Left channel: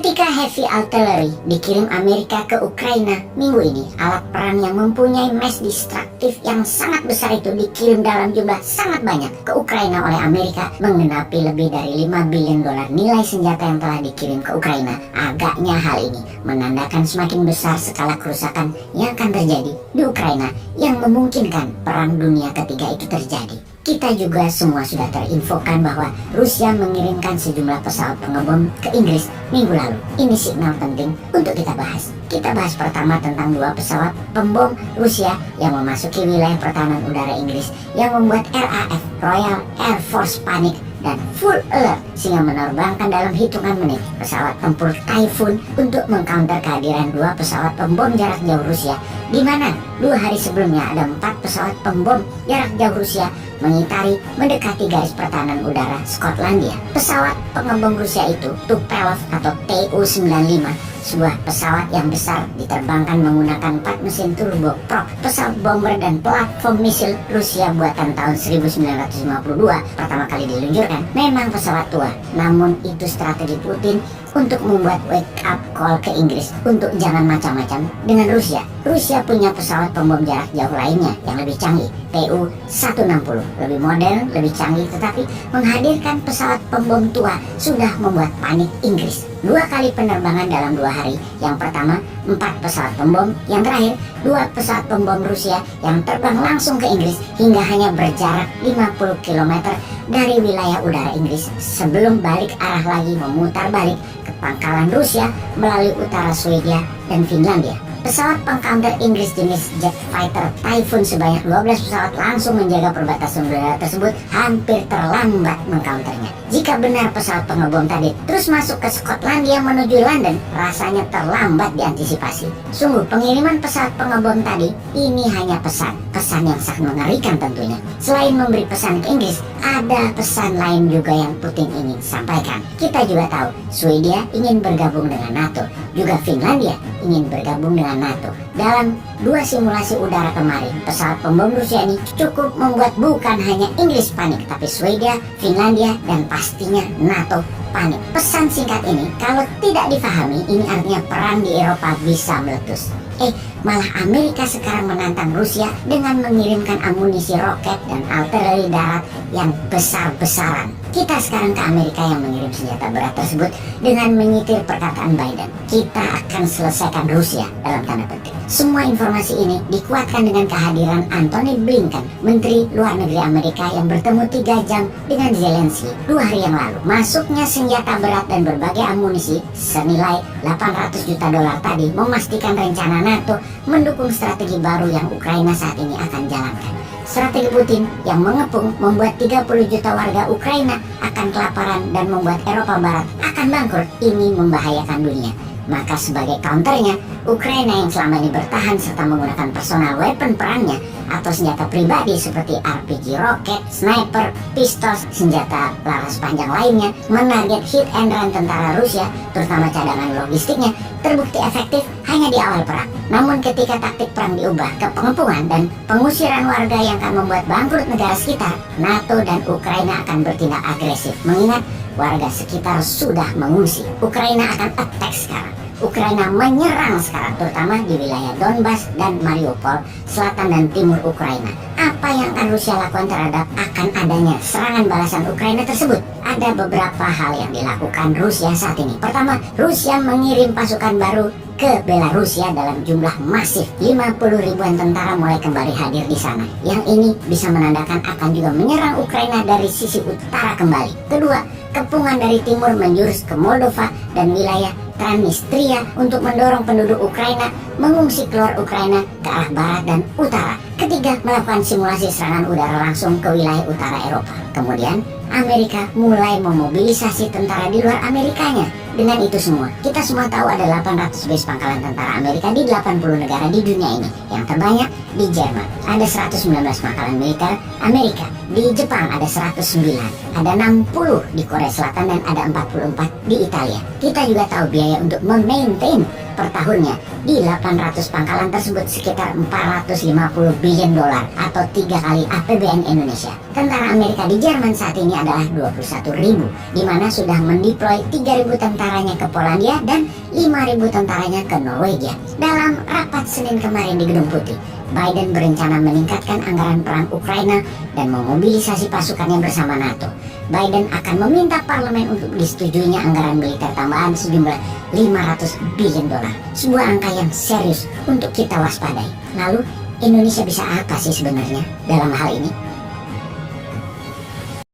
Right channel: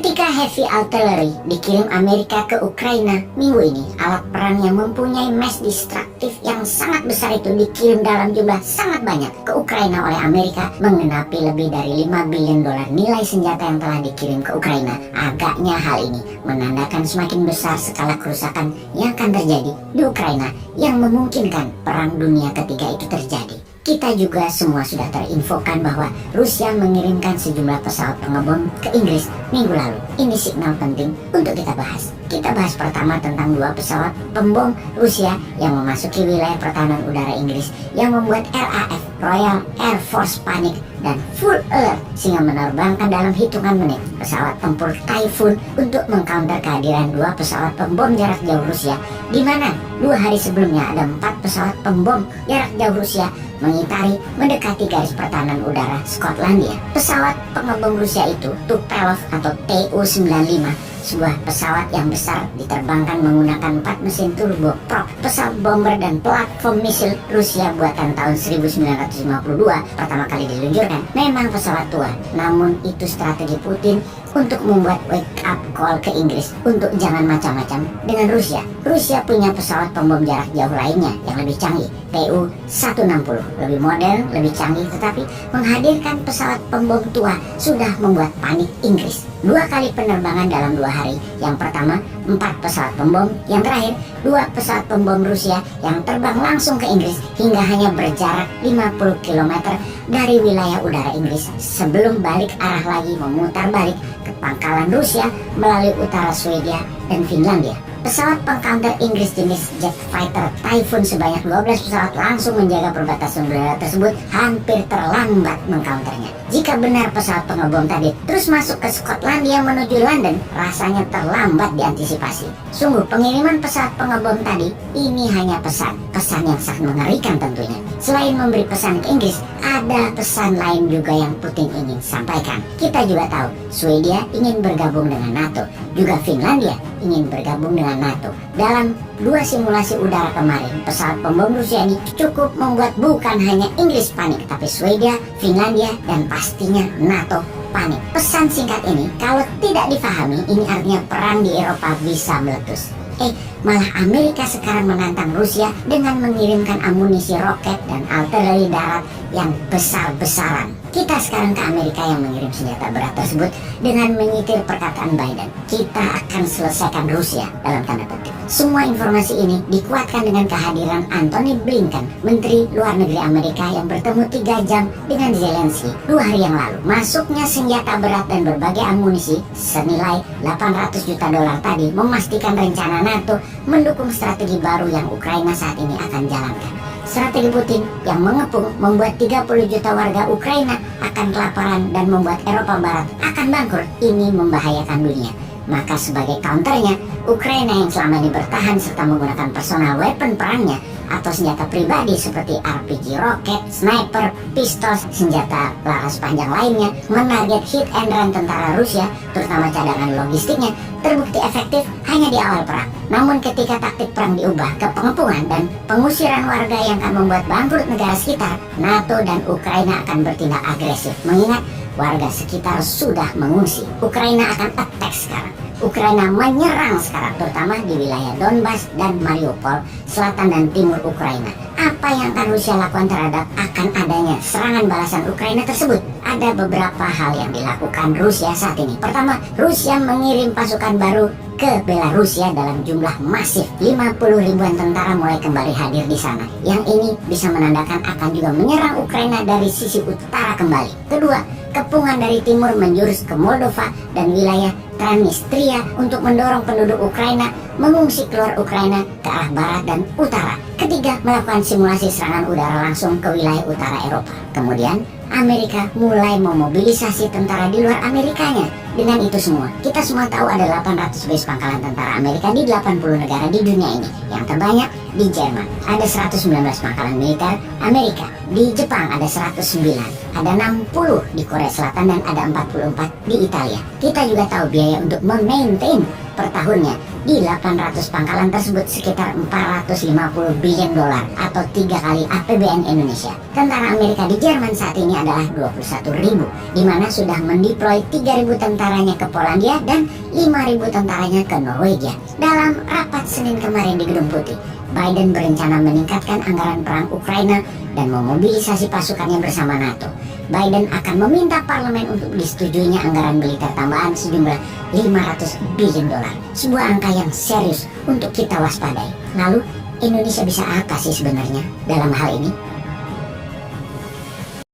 Ketika heavy artillery dikirim Amerika ke Ukraina minggu ini, alat perang yang mempunyai mass destructive yang sangat besar itu dikirim dalam jumlah sangat banyak ke Ukraina oleh Amerika, menggenapi lebih dari 5 billion dolar nilai senjata yang telah dikirim ke Ukraina. Agaknya hal ini menandakan semakin besar skala kerusakan yang akan terjadi di Ukraina yang memungkinkan perang dunia ketiga itu terjadi. Kita juga semua sudah terinfokan bahwa Rusia mengirimkan sejumlah pesawat pengebom ke Inggris minggu lalu. Ini signal penting untuk kita bahas. Kita bahas pertama tentang 2 pesawat pembom Rusia yang memasuki wilayah pertahanan udara Inggris yang membuat RAF Royal Air Force panik dan full alert sehingga menerbangkan dalam hitungan menit pesawat tempur Typhoon untuk mengcounter kehadiran 2 pesawat pembom jarak jauh Rusia, di mana 2 hari sebelumnya ada 4 pesawat pembom jarak jauh Rusia mendekati garis pertahanan udara Skotlandia. Pesawat pengebom Rusia itu Tupolev atau Tu-95, sebuah pesawat yang besar diterbangkan menggunakan 4 mesin turboprop, pesawat bomber dan platform misil Rusia buatan tahun 1952 pertama kali diluncurkan. Memang pesawat tua, namun itu strategi Putin untuk membuat wake up call ke Inggris untuk jangan macam-macam dengan Rusia. Rusia punya pesawat pembom jarak jauh lainnya yang lebih canggih, Tu-160, lebih modern, lebih canggih, tetapi menghadirkan pesawat pembom tua sudah membuat panik Inggris. 2 kali penerbangan dalam 2 hari. Yang pertama 4 pesawat pembom, yang terakhir 2 pesawat pembom Rusia yang terbang langsung ke Inggris hingga hanya berjarak 50 km dari wilayah udara Inggris sebelum balik arah lagi memutar balik ke pangkalan Rusia melalui utara Swedia dan Finlandia. Pesawat pengcounter Inggris jenis jet fighter Typhoon sebanyak 12 pesawat langsung menjaga perbatasan udara tersebut, hampir terlambat mengcounternya. Jika benar pesawat pengebom tadi terus masuk ke Skotlandia menuju London, rasanya terlambat diantisipasi. Sungguh pengiriman pesawat pengebom tadi ini hanya pesan yang sangat mengerikan tentunya. Selain memberi pesan ke Inggris, ada pesan lain juga yang Putin ingin sampaikan. Kita juga tahu Swedia ingin bergabung dengan NATO, juga Finlandia ingin bergabung dengan NATO. Dalam 2 simulasi udara kemarin, pesawat pembom Rusia ini cukup membuat bukan hanya Inggris panik, tapi Swedia, Finlandia, dan pastinya NATO panik. Pesan singkat ini kalau tidak difahami, ini artinya perang di Eropa bisa meletus. Malah Amerika sekarang menantang Rusia dengan mengirimkan amunisi roket dan artileri darat yang besar-besaran. Kita sekarang ke Amerika yang mengirim senjata berat tersebut dengan menyitir perkataan Biden. Kita akan selesaikan Rusia dalam tanda petik. Semua informasi ini dikuatkan dengan kehadiran Antony Blinken, Menteri Luar Negeri Amerika yang bertemu 3 jam dengan Zelensky 2 hari yang lalu. Masuknya senjata berat dan berbagai amunisi senilai 800 juta dolar tadi memastikan rencana NATO mendukung strategi baru yang Ukraina saat ini akan jalankan. Strategi Putin yang mengepung membuat 30 juta warga Ukraina akan kelaparan dan membuat Eropa Barat akan bangkrut. Ini membahayakan dunia. Maka sebagai counternya, Ukraina yang selama ini bertahan serta menggunakan personal weapon perangnya atau senjata pribadi seperti RPG roket, sniper, pistol, senjata laras panjang lainnya, menarget hit and run tentara Rusia, terutama cadangan logistiknya, terbukti efektif hanya di awal perang. Namun ketika taktik perang diubah ke pengepungan dan pengusiran warga yang akan membuat bangkrut negara sekitar, NATO dan Ukraina akan bertindak agresif, mengingat warga sekitar sudah mengungsi. Ukraina akan attack sekarang. Ukraina menyerang sekarang, terutama di wilayah Donbas dan Mariupol, selatan dan timur Ukraina. Apa yang akan Rusia lakukan terhadap akan adanya serangan balasan Ukraina tersebut? Ada beberapa hal yang dilakukan Rusia saat ini. Pertama, Rusia mengirim pasukan baru ke Belarusia dalam jumlah masif. 50 ribuan tentara mulai kembali hadir di sana. Yang ini bisa menandakan akan juga menyerang Ukraina dari sisi utara kembali. Kedua, kepungan dari timur menjurus ke Moldova dan wilayah Transnistria untuk mendorong penduduk Ukraina mengungsi keluar Ukraina ke arah barat dan utara. Ketiga, melakukan simulasi serangan udara langsung ke wilayah utara Eropa. Kemudian, Amerika mulai memobilisasi tentara di luar Amerikanya. Dengan itu semua, kita semua tahu ada 800 base pangkalan tentara Amerika di 80 negara di dunia ini. Yang terbanyak di Jerman, ada 119 pangkalan militer Amerika. Di Jepang ada 109, ada 60 di Korea Selatan dan ada 44 di Italia. Kita juga tahu biaya untuk memaintain per tahunnya. Di 800 pangkalan tersebut sekitar 450 billion dolar atau 3 kali APBN Indonesia. Tentara Amerika di Jerman saat ini adalah 21.000, di mana sudah mendeploy 3.000 tentaranya ke Polandia dan 5.000 tentaranya ke Norwegia. Dalam rapat Senin kemarin di Gedung Putih, Biden berencana meningkatkan anggaran perang Ukraina dan memobilisasi pasukannya bersama NATO. Biden akan meminta parlemen untuk disetujuinya anggaran militer tambahan sejumlah 500 billion dolar. Sebuah angka yang serius untuk kita waspadai. Lalu Indonesia bisa apa sih sebenarnya dalam hal ini?